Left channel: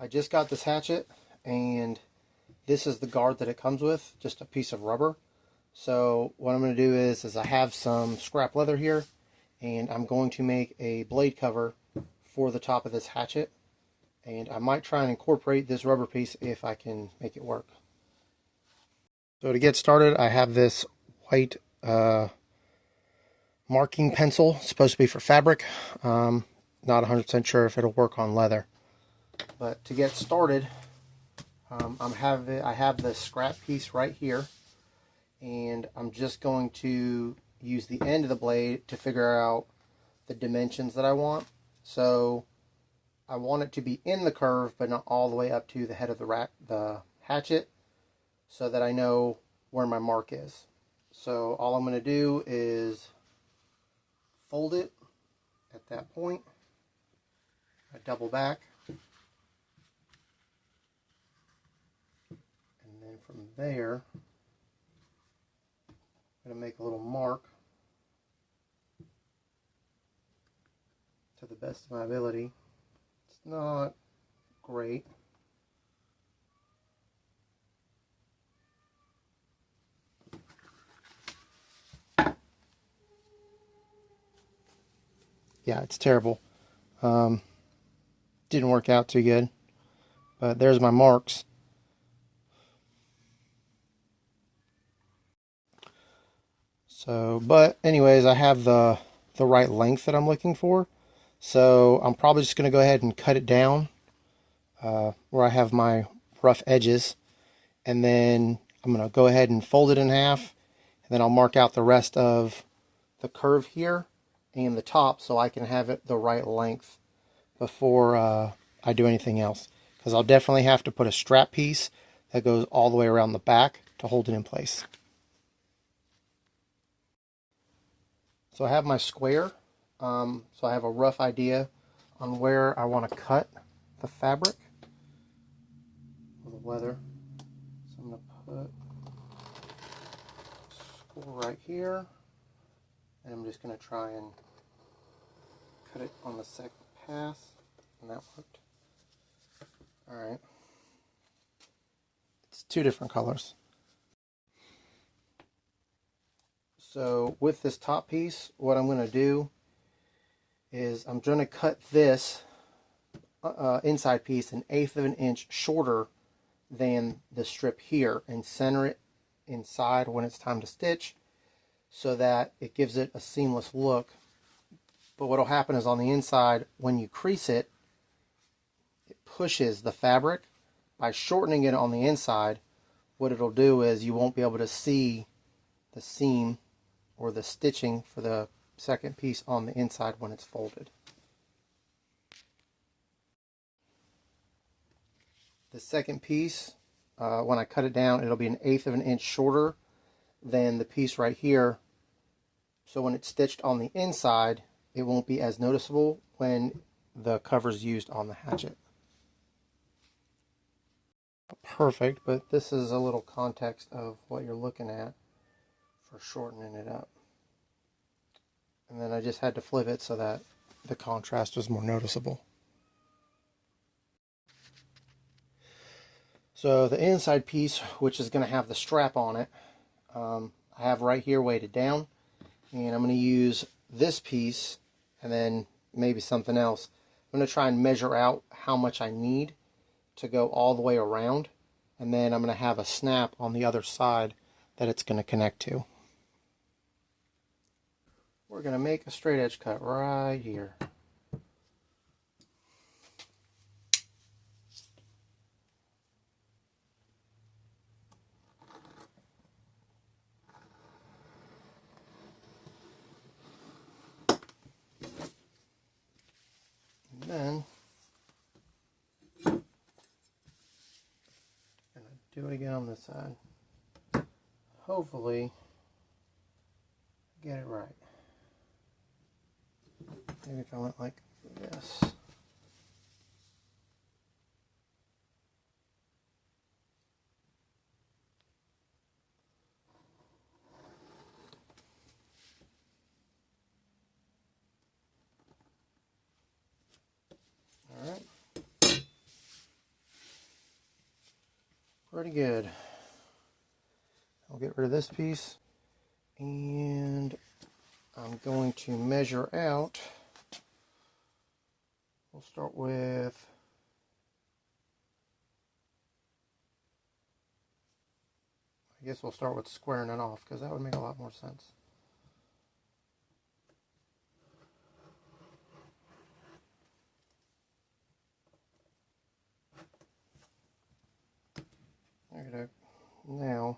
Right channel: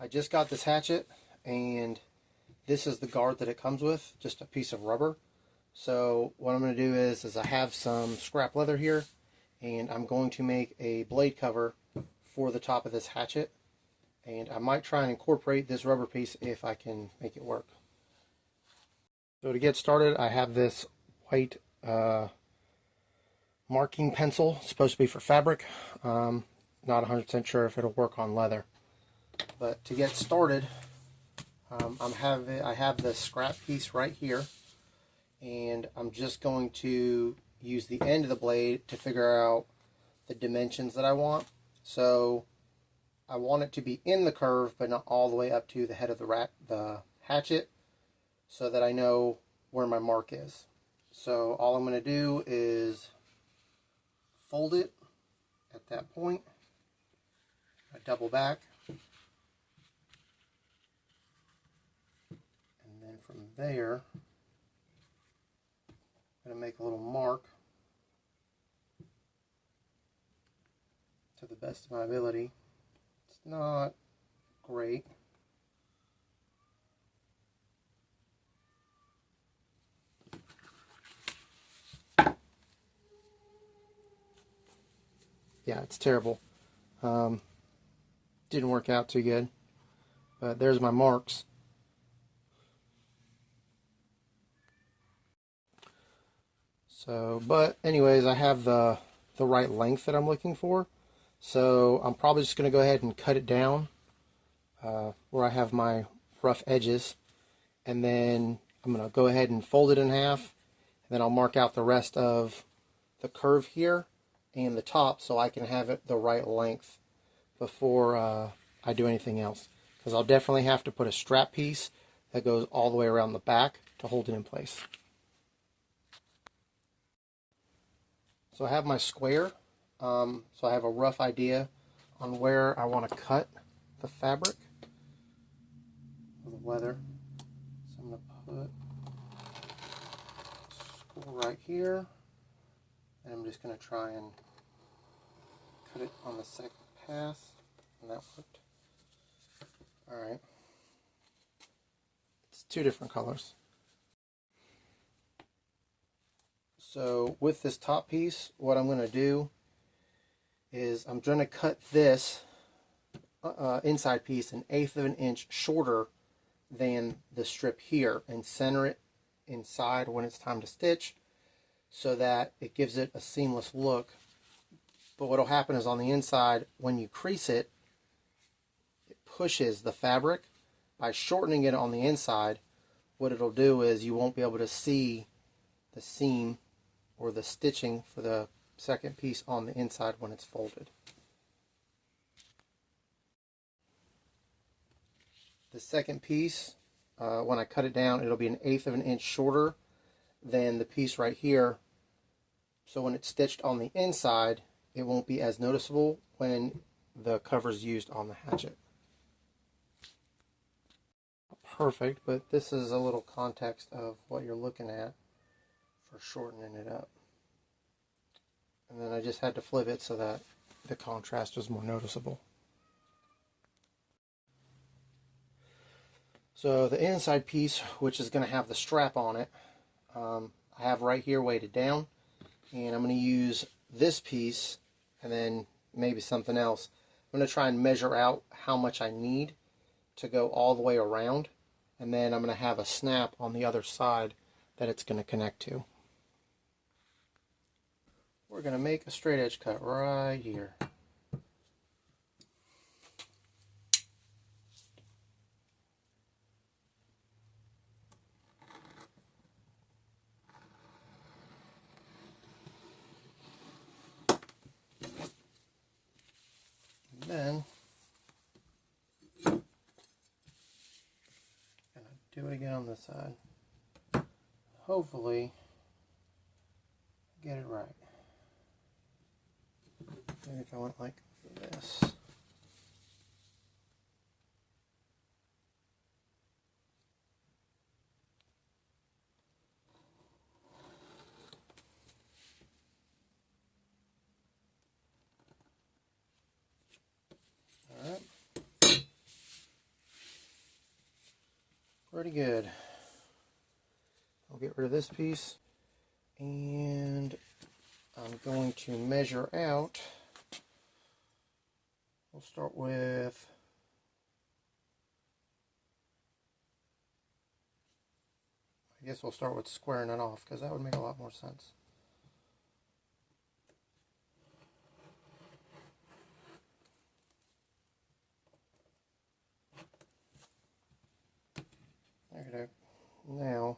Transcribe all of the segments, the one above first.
I just got this hatchet, and this is the guard that it comes with, just a piece of rubber. So what I'm going to do is I have some scrap leather here, and I'm going to make a blade cover for the top of this hatchet. And I might try and incorporate this rubber piece if I can make it work. So to get started, I have this white marking pencil. It's supposed to be for fabric. Not 100% sure if it'll work on leather. But to get started, I have the scrap piece right here, and I'm just going to use the end of the blade to figure out the dimensions that I want. So I want it to be in the curve, but not all the way up to the head of the hatchet, so that I know where my mark is. So all I'm going to do is fold it at that point. I double back, and then from there I'm going to make a little mark to the best of my ability. It's not great. Yeah, it's terrible. Didn't work out too good, but there's my marks. So, but anyways, I have the right length that I'm looking for. So I'm probably just going to go ahead and cut it down where I have my rough edges, and then I'm going to go ahead and fold it in half, and then I'll mark out the rest of the curve here and the top so I can have it the right length before I do anything else, because I'll definitely have to put a strap piece that goes all the way around the back to hold it in place. So I have my square, so I have a rough idea on where I want to cut the fabric or the leather. So I'm going to put a score right here, and I'm just going to try and cut it on the second pass, and that worked. Alright, it's two different colors. So with this top piece, what I'm going to do is I'm going to cut this inside piece 1/8 of an inch shorter than the strip here, and center it inside when it's time to stitch, so that it gives it a seamless look. But what will happen is on the inside, when you crease it, it pushes the fabric. By shortening it on the inside, what it'll do is you won't be able to see the seam or the stitching for the second piece on the inside when it's folded. The second piece, when I cut it down, it'll be 1/8 of an inch shorter than the piece right here. So when it's stitched on the inside, it won't be as noticeable when the cover's used on the hatchet. Perfect, but this is a little context of what you're looking at for shortening it up. And then I just had to flip it so that the contrast was more noticeable. So the inside piece, which is going to have the strap on it, I have right here weighted down, and I'm going to use this piece and then maybe something else. I'm going to try and measure out how much I need to go all the way around, and then I'm going to have a snap on the other side that it's going to connect to. We're going to make a straight edge cut right here. And then do it again on this side. Hopefully get it right. Maybe if I went like this. Alright. pretty good. I'll get rid of this piece, and I'm going to measure out. We'll start with I guess we'll start with squaring it off, because that would make a lot more sense. Okay, now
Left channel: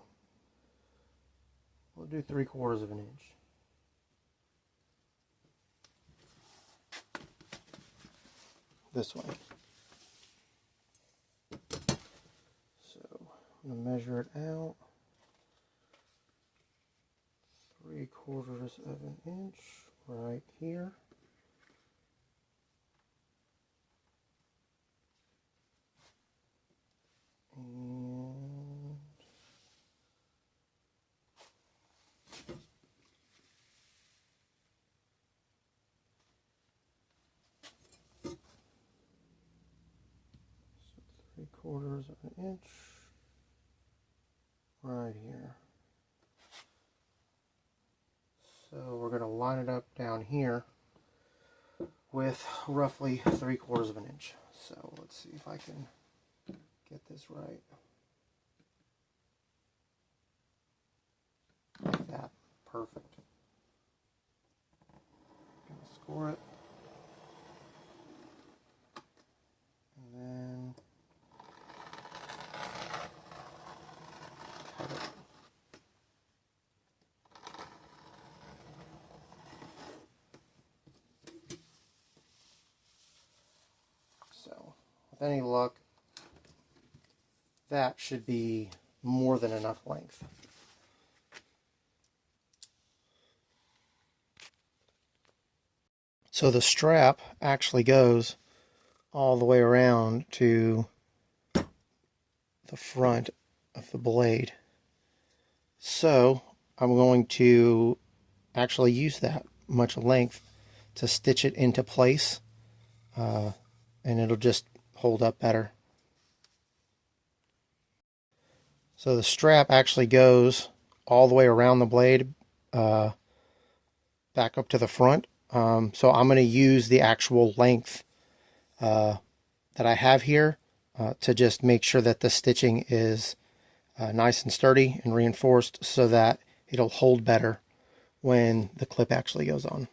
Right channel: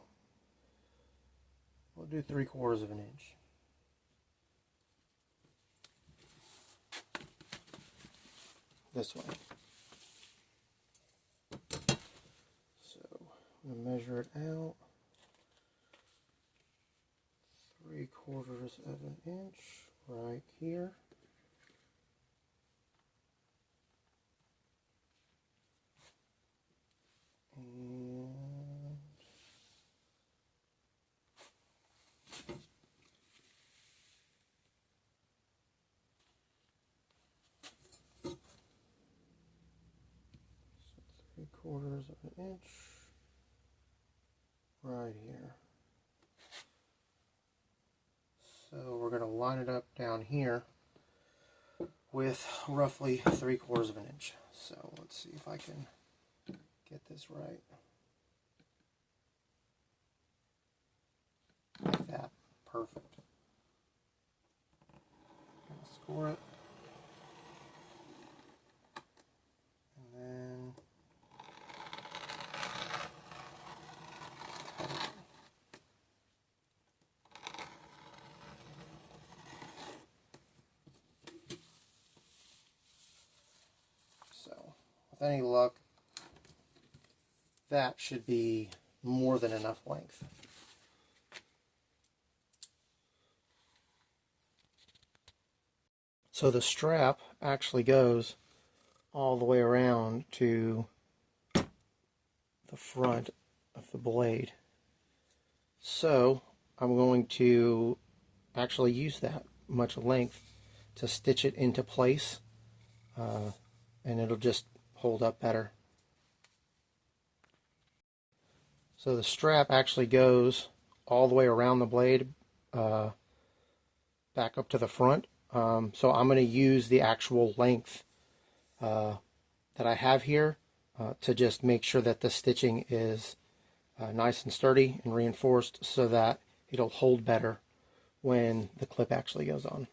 we'll do 3/4 of an inch. This way. So I'm going to measure it out. 3/4 of an inch right here. And so 3/4 of an inch right here. So we're going to line it up down here with roughly 3/4 of an inch. So let's see if I can get this right. Like that. Perfect. Score it. And then so with any luck, that should be more than enough length. So the strap actually goes all the way around to the front of the blade. So I'm going to actually use that much length to stitch it into place, and it'll just hold up better. So the strap actually goes all the way around the blade, back up to the front. So I'm going to use the actual length that I have here to just make sure that the stitching is nice and sturdy and reinforced, so that it'll hold better when the clip actually goes on.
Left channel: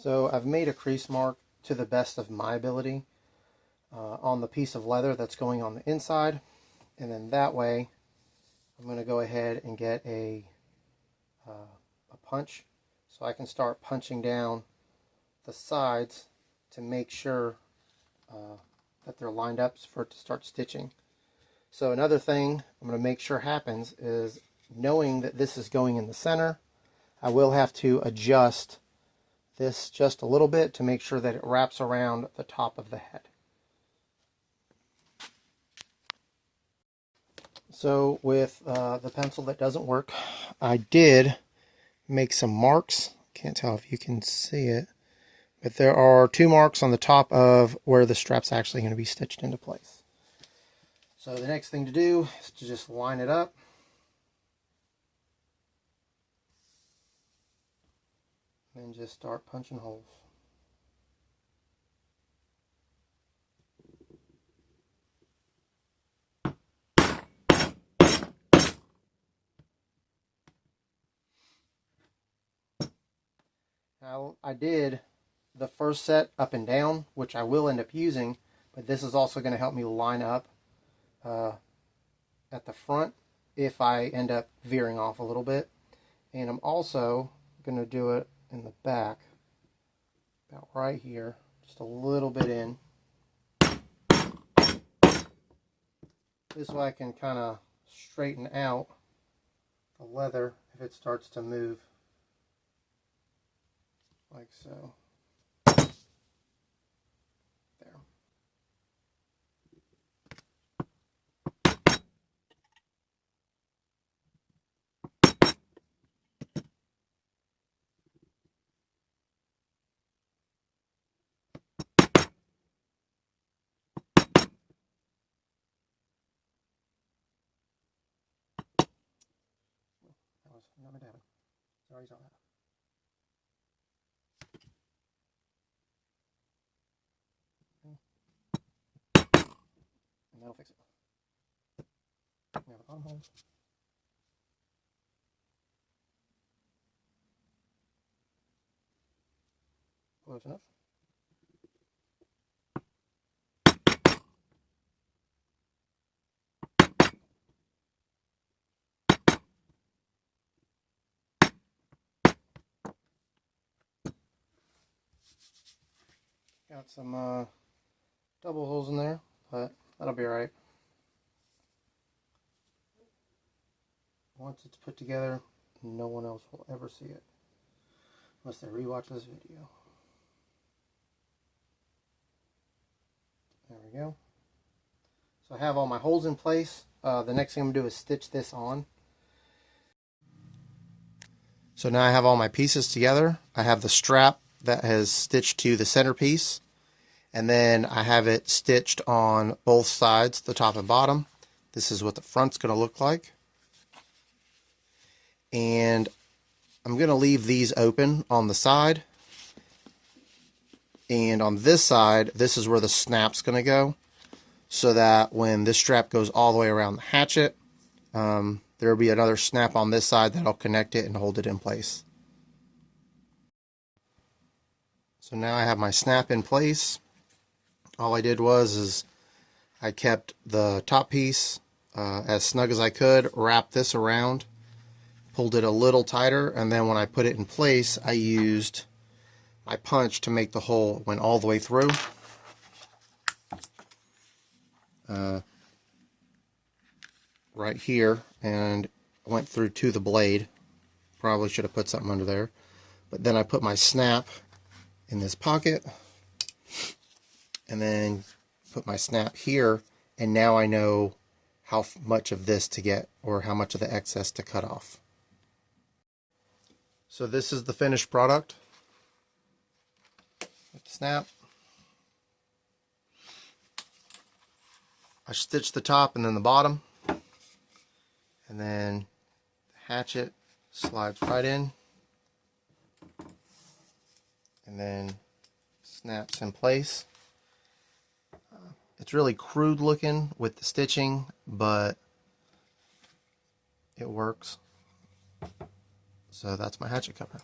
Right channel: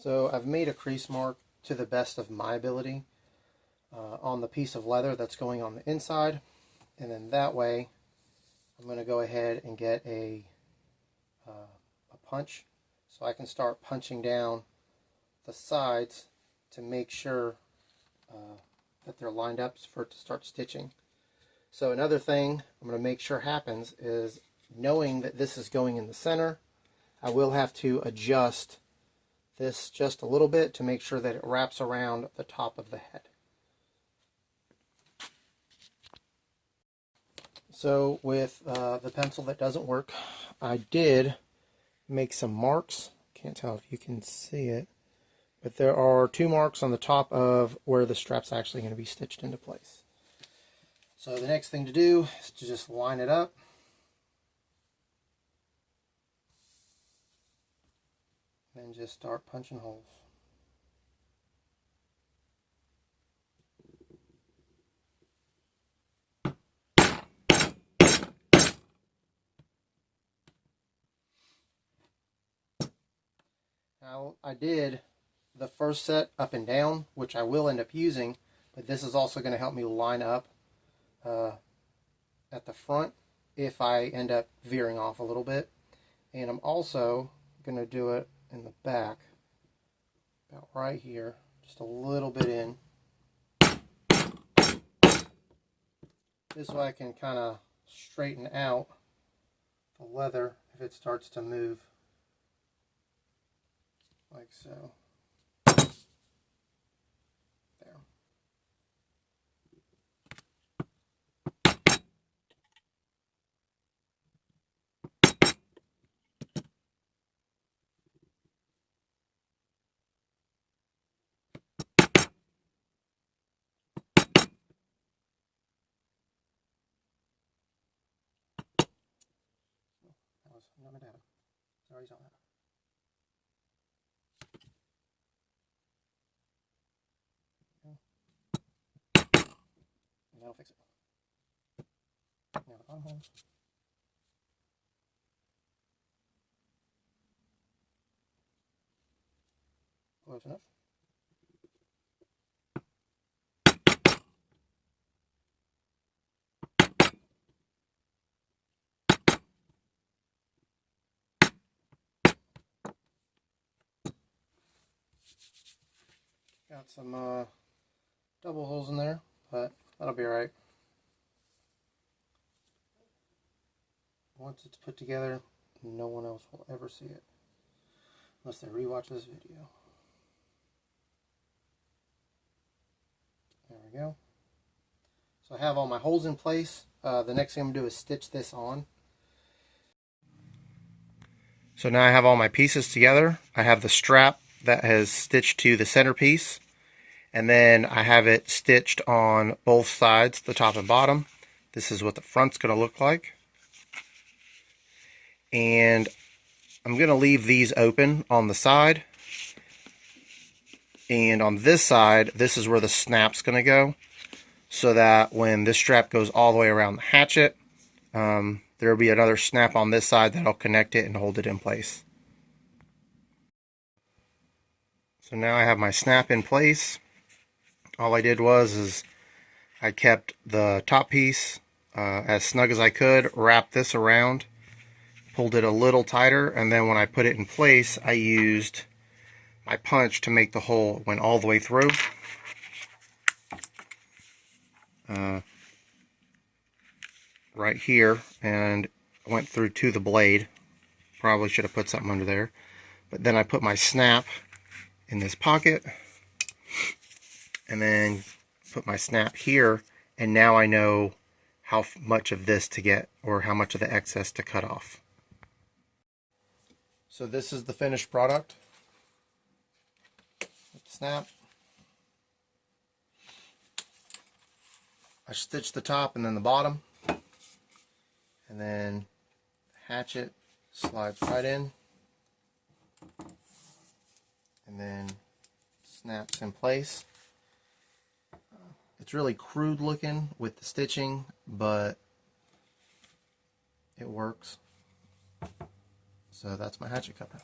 So I've made a crease mark to the best of my ability on the piece of leather that's going on the inside, and then that way I'm going to go ahead and get a punch, so I can start punching down the sides to make sure that they're lined up for it to start stitching. So another thing I'm going to make sure happens is, knowing that this is going in the center, I will have to adjust this just a little bit to make sure that it wraps around the top of the head. So with the pencil that doesn't work, I did make some marks. Can't tell if you can see it, but there are 2 marks on the top of where the strap's actually going to be stitched into place. So the next thing to do is to just line it up. And just start punching holes. Now, I did the first set up and down, which I will end up using, but this is also going to help me line up at the front if I end up veering off a little bit. And I'm also going to do it in the back, about right here, just a little bit in. This way I can kind of straighten out the leather if it starts to move, like so. There. pause. I'm not meant to have it. Sorry, saw that. And that'll fix it. Now the bottom hole. Close enough. Got some double holes in there, but that'll be alright. Once it's put together, no one else will ever see it. Unless they rewatch this video. There we go. So I have all my holes in place. The next thing I'm going to do is stitch this on. So now I have all my pieces together. I have the strap that has stitched to the centerpiece. And then I have it stitched on both sides, the top and bottom. This is what the front's going to look like. And I'm going to leave these open on the side. And on this side, this is where the snap's going to go. So that when this strap goes all the way around the hatchet, there will be another snap on this side that'll connect it and hold it in place. So now I have my snap in place. All I did was I kept the top piece as snug as I could, wrapped this around, pulled it a little tighter, and then when I put it in place, I used my punch to make the hole went all the way through. Right here, and went through to the blade. Probably should have put something under there. But then I put my snap in this pocket, and then put my snap here, and now I know how much of this to get, or how much of the excess to cut off. So this is the finished product. With the snap. I stitched the top and then the bottom, and then the hatchet slides right in, and then snaps in place. It's really crude looking with the stitching, but it works. So that's my hatchet cover.